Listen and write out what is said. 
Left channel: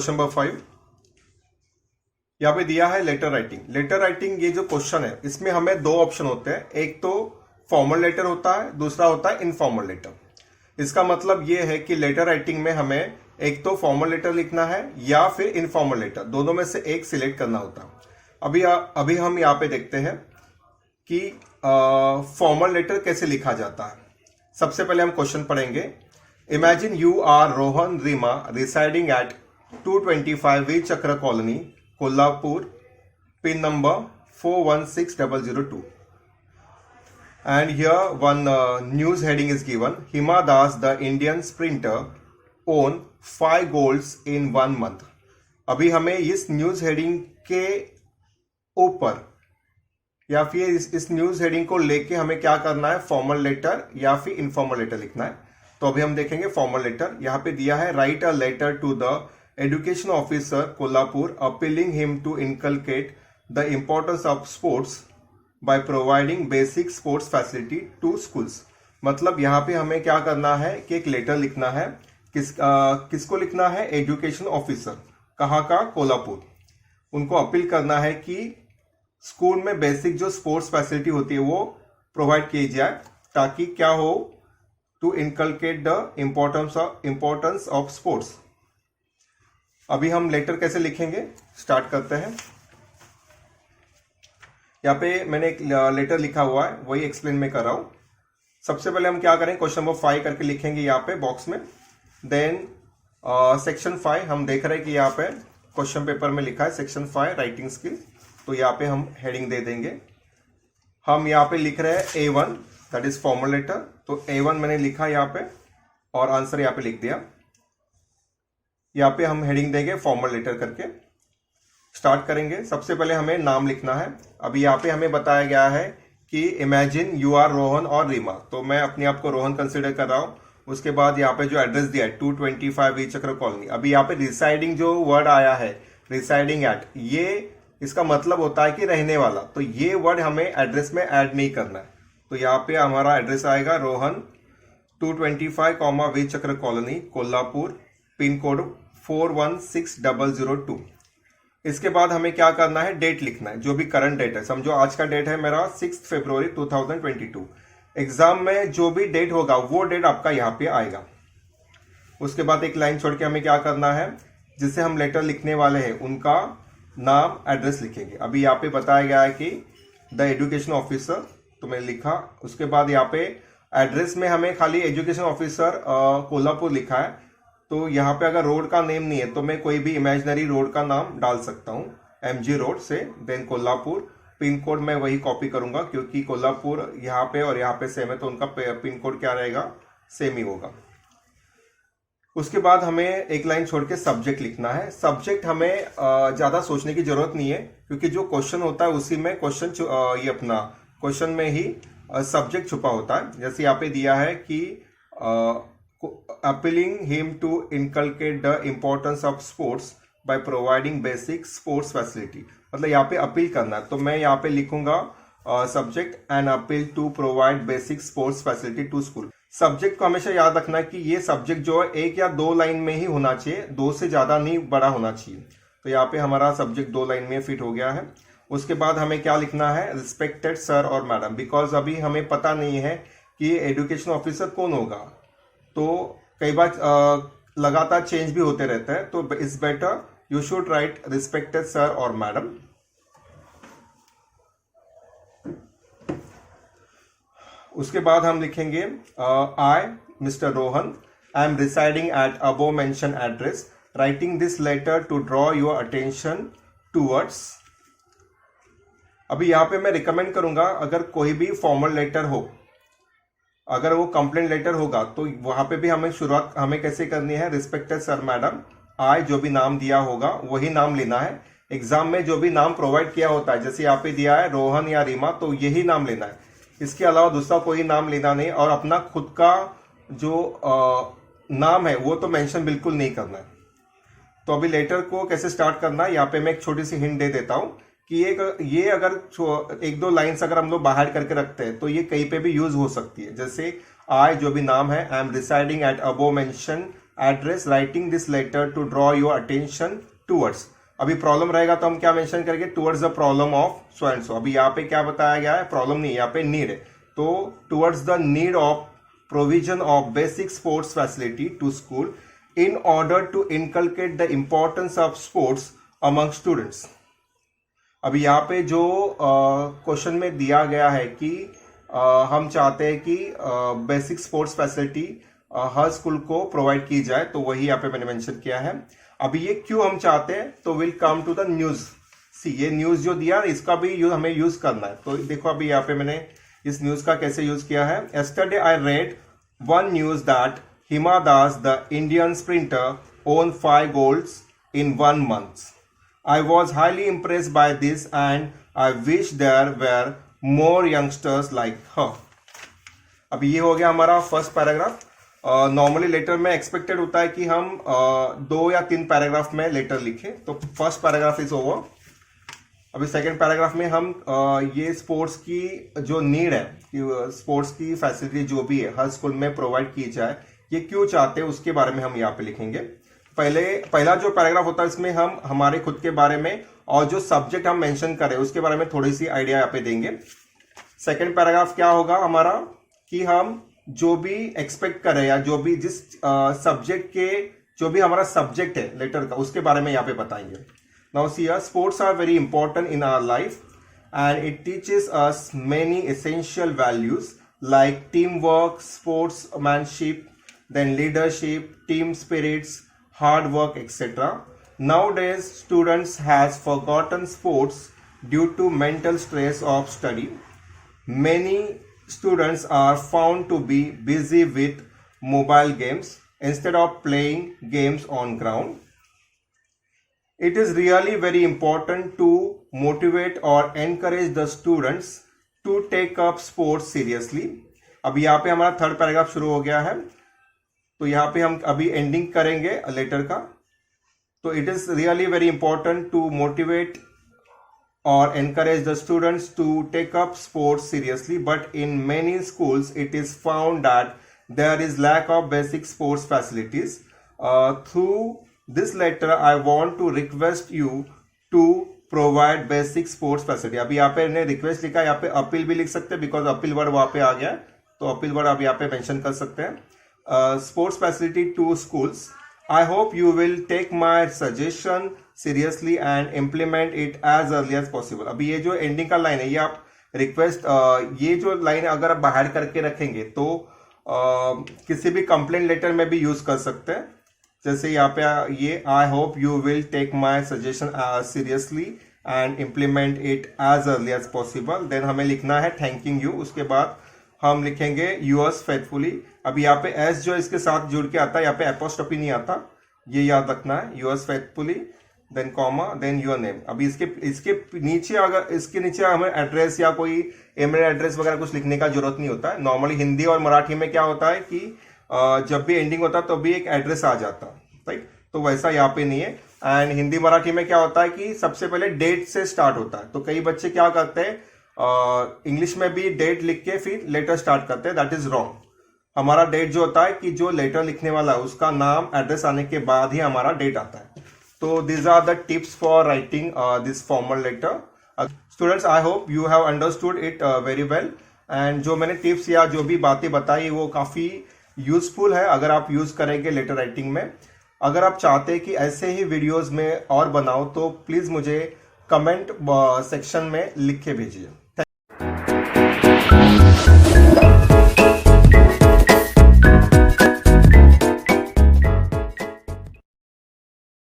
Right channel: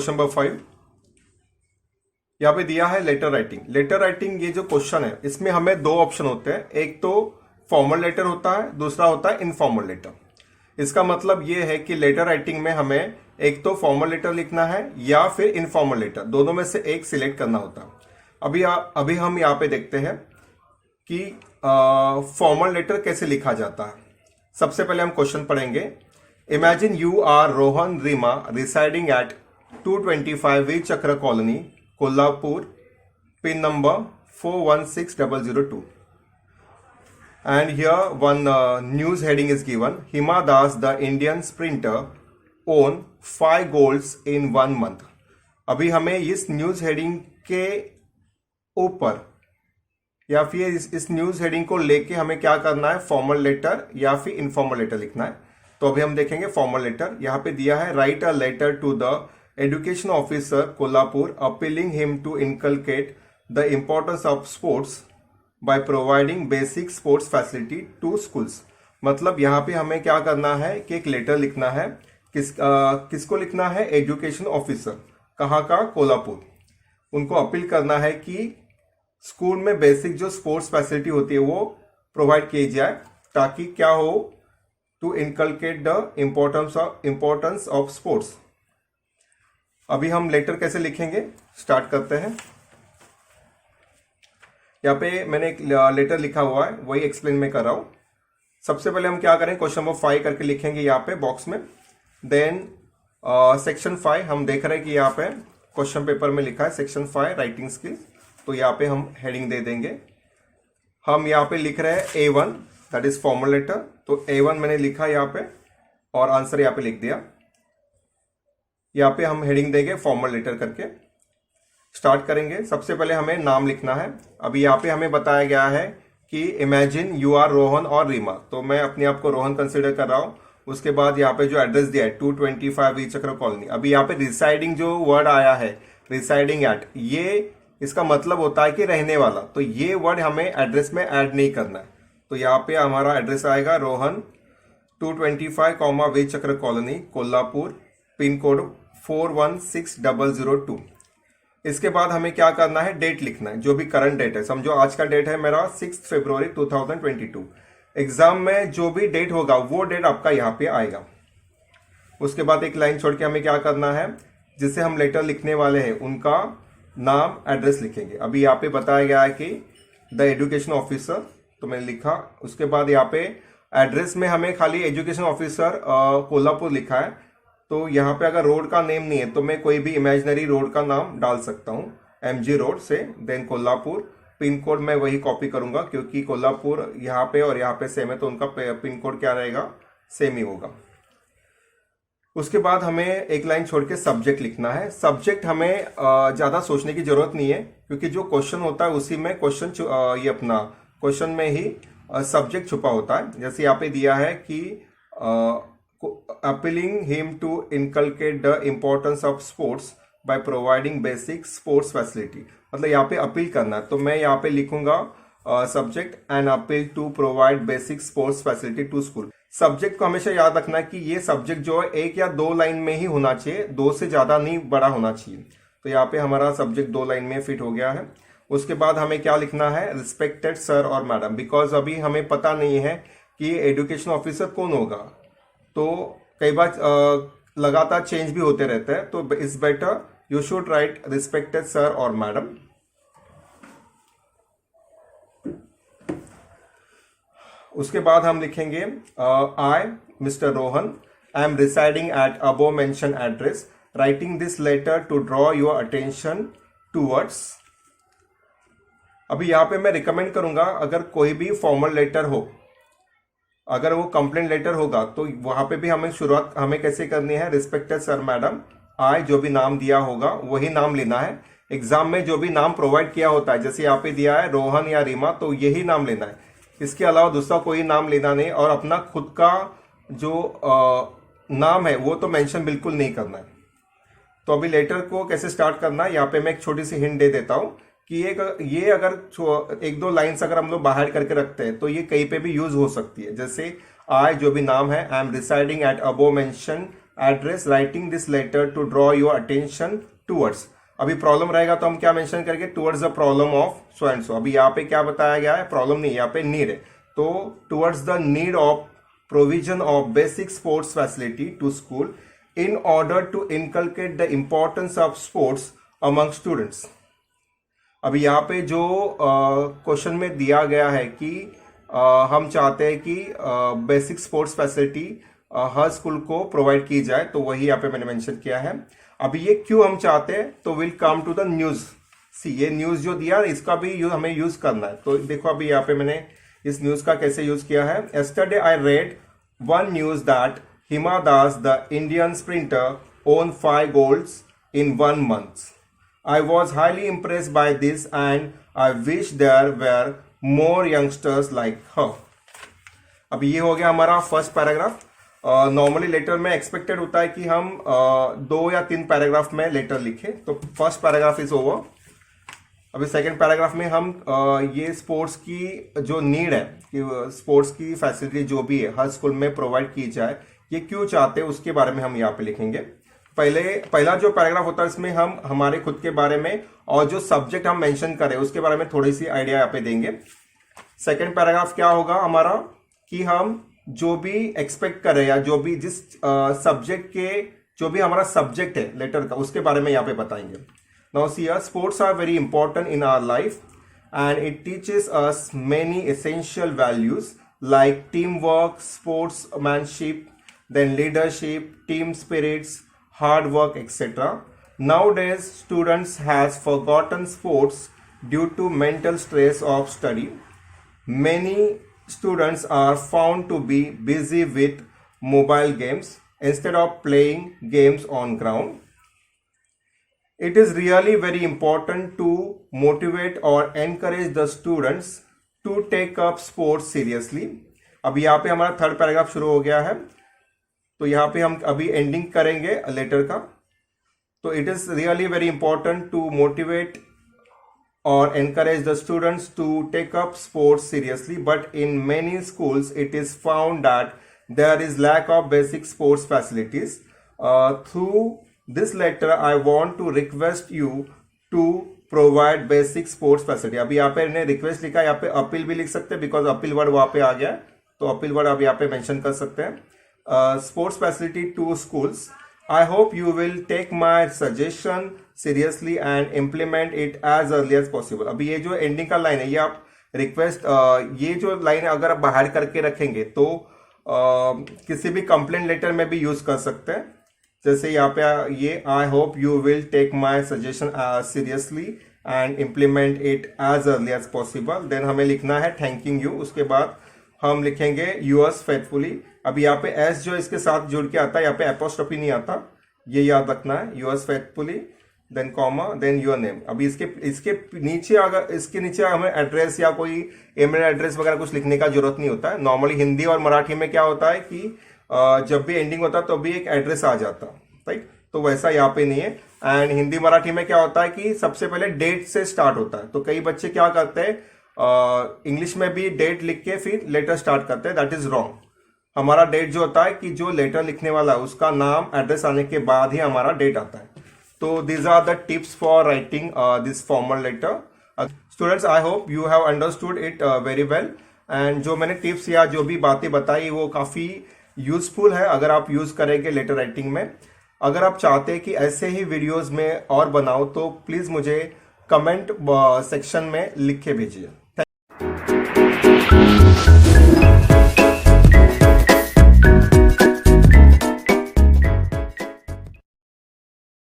Question number 5। यहाँ पे दिया है लेटर राइटिंग। लेटर राइटिंग ये जो क्वेश्चन है इसमें हमें दो ऑप्शन होते हैं, एक तो फॉर्मल लेटर होता है, दूसरा होता है इनफॉर्मल लेटर। इसका मतलब ये है कि लेटर राइटिंग में हमें एक तो फॉर्मल लेटर लिखना है या फिर इनफॉर्मल लेटर, दोनों में से एक सिलेक्ट करना होता है। अभी हम यहाँ पे देखते हैं कि फॉर्मल लेटर कैसे लिखा जाता है। सबसे पहले हम क्वेश्चन पढ़ेंगे। Imagine you are Rohan Rima residing at 225 Veer Chakra colony, Kolhapur, pin number 416002. And here one news heading is given. Hima Das, the Indian sprinter, won 5 goals in 1 month. अभी हमें इस न्यूज हेडिंग के ऊपर या फिर इस न्यूज हेडिंग को लेके हमें क्या करना है, फॉर्मल लेटर या फिर इनफॉर्मल लेटर लिखना है। तो अभी हम देखेंगे फॉर्मल लेटर। यहाँ पे दिया है write a letter to the education officer Kolhapur appealing him to inculcate the importance of sports by providing basic sports facility to schools. मतलब यहाँ पे हमें क्या करना है कि एक लेटर लिखना है। किसको लिखना है? Education officer. कहाँ का? कोल्हापुर। उनको अपील करना है कि स्कूल में बेसिक जो स्पोर्ट्स फैसिलिटी होती है वो प्रोवाइड की जाए, ताकि क्या हो, to inculcate the importance of sports. अभी हम लेटर कैसे लिखेंगे स्टार्ट करते हैं। यहाँ पे मैंने एक लेटर लिखा हुआ है, वही एक्सप्लेन मैं कर रहा हूं। सबसे पहले हम क्या करें, क्वेश्चन नंबर 5 करके लिखेंगे यहाँ पे बॉक्स में। देन सेक्शन 5 हम देख रहे हैं कि यहाँ पे क्वेश्चन पेपर में लिखा है सेक्शन 5 राइटिंग स्किल, तो यहाँ पे हम हेडिंग दे देंगे। हम यहाँ पे लिख रहे हैं A1 that is formal letter, तो A1 मैंने लिखा यहाँ पे और आंसर यहाँ पे लिख दिया। यहाँ पे हम हेडिंग देंगे फॉर्मल लेटर करके। स्टार्ट करेंगे। सबसे पहले हमें नाम लिखना है। अभी यहाँ पे हमें बताया गया है कि इमेजिन यू आर रोहन और रीमा, तो मैं अपने आप को रोहन कंसिडर कर रहा हूँ। उसके बाद यहाँ पे जो एड्रेस दिया है 225 वीर चक्र कॉलोनी। अभी यहाँ पे रिसाइडिंग जो वर्ड आया है, रिसाइडिंग एट, ये इसका मतलब होता है कि रहने वाला, तो ये वर्ड हमें एड्रेस में ऐड नहीं करना है। तो यहाँ पे हमारा एड्रेस आएगा Rohan 225 Veer Chakra colony, Kolhapur, pin code 416002। इसके बाद हमें क्या करना है, डेट लिखना है, जो भी करंट डेट है। समझो आज का डेट है मेरा 6 फरवरी 2022। एग्जाम में जो भी डेट होगा वो डेट आपका यहाँ पे आएगा। उसके बाद एक लाइन छोड़ के हमें क्या करना है, जिसे हम लेटर लिखने वाले हैं उनका नाम, एड्रेस लिखेंगे। अभी यहाँ पे बताया गया है कि द एजुकेशन ऑफिसर, तो मैंने लिखा। उसके बाद यहाँ पे एड्रेस में हमें खाली एजुकेशन ऑफिसर कोल्हापुर लिखा है, तो यहाँ पे अगर रोड का नेम नहीं है तो मैं कोई भी इमेजिनरी रोड का नाम डाल सकता हूँ, MG रोड से। देन कोल्हापुर, पिन कोड मैं वही कॉपी करूंगा क्योंकि कोल्हापुर यहाँ पे और यहाँ पे सेम है, तो उनका पिन कोड क्या रहेगा, सेम ही होगा। उसके बाद हमें एक लाइन छोड़ के सब्जेक्ट लिखना है। सब्जेक्ट हमें ज्यादा सोचने की जरूरत नहीं है, क्योंकि जो क्वेश्चन होता है उसी में ये अपना क्वेश्चन में ही सब्जेक्ट छुपा होता है। जैसे यहाँ पे दिया है कि appealing him to inculcate the importance of sports by providing basic sports facility, मतलब यहाँ पे अपील करना है, तो मैं यहाँ पे लिखूंगा subject and appeal to provide basic sports facility to school. Subject को हमेशा याद रखना कि ये सब्जेक्ट जो है 1 या 2 लाइन में ही होना चाहिए, 2 से ज्यादा नहीं बड़ा होना चाहिए। तो यहाँ पे हमारा सब्जेक्ट 2 लाइन में फिट हो गया है। उसके बाद हमें क्या लिखना है, रिस्पेक्टेड सर और मैडम, बिकॉज अभी हमें पता नहीं है कि एजुकेशन ऑफिसर कौन होगा, तो कई बार लगातार चेंज भी होते रहते हैं, तो it's better you should write respected sir और मैडम। उसके बाद हम लिखेंगे I Mr Rohan I am residing at above mention address, writing this letter to draw your attention towards. अभी यहाँ पे मैं रिकमेंड करूंगा, अगर कोई भी फॉर्मल लेटर हो, अगर वो कंप्लेंट लेटर होगा, तो वहां पे भी हमें शुरुआत हमें कैसे करनी है, रिस्पेक्टेड सर मैडम, आई जो भी नाम दिया होगा वही नाम लेना है। एग्जाम में जो भी नाम प्रोवाइड किया होता है, जैसे यहाँ पे दिया है रोहन या रीमा, तो यही नाम लेना है, इसके अलावा दूसरा कोई नाम लेना नहीं। और अपना खुद का जो नाम है वो तो मेंशन बिल्कुल नहीं करना है। तो अभी लेटर को कैसे स्टार्ट करना है, यहाँ पे मैं एक छोटी सी हिंट दे देता हूँ कि ये अगर 1-2 लाइन्स अगर हम लोग बाहर करके रखते हैं तो ये कहीं पे भी यूज हो सकती है। जैसे आई जो भी नाम है, I am residing at above mention address writing this letter to draw your attention towards. अभी प्रॉब्लम रहेगा तो हम क्या मेंशन करेंगे, towards the problem of so and so. अभी यहाँ पे क्या बताया गया है, प्रॉब्लम नहीं, यहाँ पे नीड है, तो towards the need of provision of basic sports facility to school in order to inculcate the importance of sports among students। अभी यहाँ पे जो क्वेश्चन में दिया गया है कि हम चाहते हैं कि बेसिक स्पोर्ट्स फैसिलिटी हर स्कूल को प्रोवाइड की जाए, तो वही यहाँ पे मैंने मेंशन किया है। अभी ये क्यों हम चाहते हैं, तो we'll come to the news. See ये न्यूज जो दिया इसका भी हमें यूज करना है, तो देखो अभी यहाँ पे मैंने इस न्यूज का कैसे यूज किया है। yesterday I read one news that Hima Das, the Indian sprinter, won 5 golds in 1 month. I was highly impressed by this and I wish there were more youngsters like her। अब ये हो गया हमारा first paragraph. Normally letter में expected होता है कि हम 2 या 3 पैराग्राफ में लेटर लिखें, तो फर्स्ट पैराग्राफ इज ओवर। अभी सेकेंड पैराग्राफ में हम ये स्पोर्ट्स की जो नीड है कि स्पोर्ट्स की फैसिलिटी जो भी है हर स्कूल में प्रोवाइड की जाए, ये क्यों चाहते हैं उसके बारे में हम यहाँ पे लिखेंगे। पहला जो पैराग्राफ होता है इसमें हम हमारे खुद के बारे में और जो सब्जेक्ट हम मेंशन कर रहे हैं उसके बारे में थोड़ी सी आइडिया यहाँ पे देंगे। सेकंड पैराग्राफ क्या होगा हमारा कि हम जो भी एक्सपेक्ट कर रहे हैं या जो भी जिस सब्जेक्ट के जो भी हमारा सब्जेक्ट है लेटर का उसके बारे में यहाँ पे बताएंगे। Now see sports are very important in our life and it teaches us many essential values like teamwork, sportsmanship, then leadership, team spirits, hard work, etc. Nowadays, students has forgotten sports due to mental stress of study. Many students are found to be busy with mobile games instead of playing games on ground. It is really very important to motivate or encourage the students to take up sports seriously। अब यहाँ पे हमारा third paragraph शुरू हो गया है, तो यहाँ पे हम अभी एंडिंग करेंगे लेटर का। तो it is really very important to motivate और encourage the students to take up sports seriously, but in many schools it is found that there is lack of basic sports facilities। Through this letter I want to request you to provide basic sports facility. अभी यहाँ पे मैंने request लिखा है, यहाँ पे appeal भी लिख सकते हैं बिकॉज अपील वर्ड वहाँ पे आ गया है, तो अपील वर्ड आप यहाँ पे मेंशन कर सकते हैं। Sports facility to schools. I hope you will take my suggestion seriously and implement it as early as possible. अभी ये जो एंडिंग का लाइन है ये आप रिक्वेस्ट ये जो लाइन अगर आप बाहर करके रखेंगे तो किसी भी कंप्लेंट लेटर में भी यूज कर सकते हैं। जैसे यहाँ पे ये I hope you will take my suggestion seriously and implement it as early as possible. Then हमें लिखना है थैंकिंग यू, उसके बाद हम लिखेंगे यूअर्स फेथफुली। अभी यहाँ पे एस जो इसके साथ जुड़ के आता है, यहाँ पे एपोस्ट्रोफी नहीं आता, ये याद रखना है, yours faithfully, then comma, then your name. अभी इसके नीचे अगर इसके नीचे हमें एड्रेस या कोई ईमेल एड्रेस वगैरह कुछ लिखने का जरूरत नहीं होता है। नॉर्मली हिंदी और मराठी में क्या होता है कि जब भी एंडिंग होता है तो भी एक एड्रेस आ जाता है, राइट, तो वैसा यहाँ पे नहीं है। एंड हिंदी मराठी में क्या होता है कि सबसे पहले डेट से स्टार्ट होता है, तो कई बच्चे क्या करते हैं इंग्लिश में भी डेट लिख के फिर लेटर स्टार्ट करते हैं, दैट इज रॉन्ग। हमारा डेट जो होता है कि जो लेटर लिखने वाला है उसका नाम एड्रेस आने के बाद ही हमारा डेट आता है। तो these are the tips for writing this formal letter. Students, I hope you have understood it very well, and जो मैंने टिप्स या जो भी बातें बताई वो काफी यूजफुल है अगर आप यूज करेंगे लेटर राइटिंग में। अगर आप चाहते हैं कि ऐसे ही वीडियोस में और बनाओ तो प्लीज मुझे कमेंट सेक्शन में लिख के भेजिए।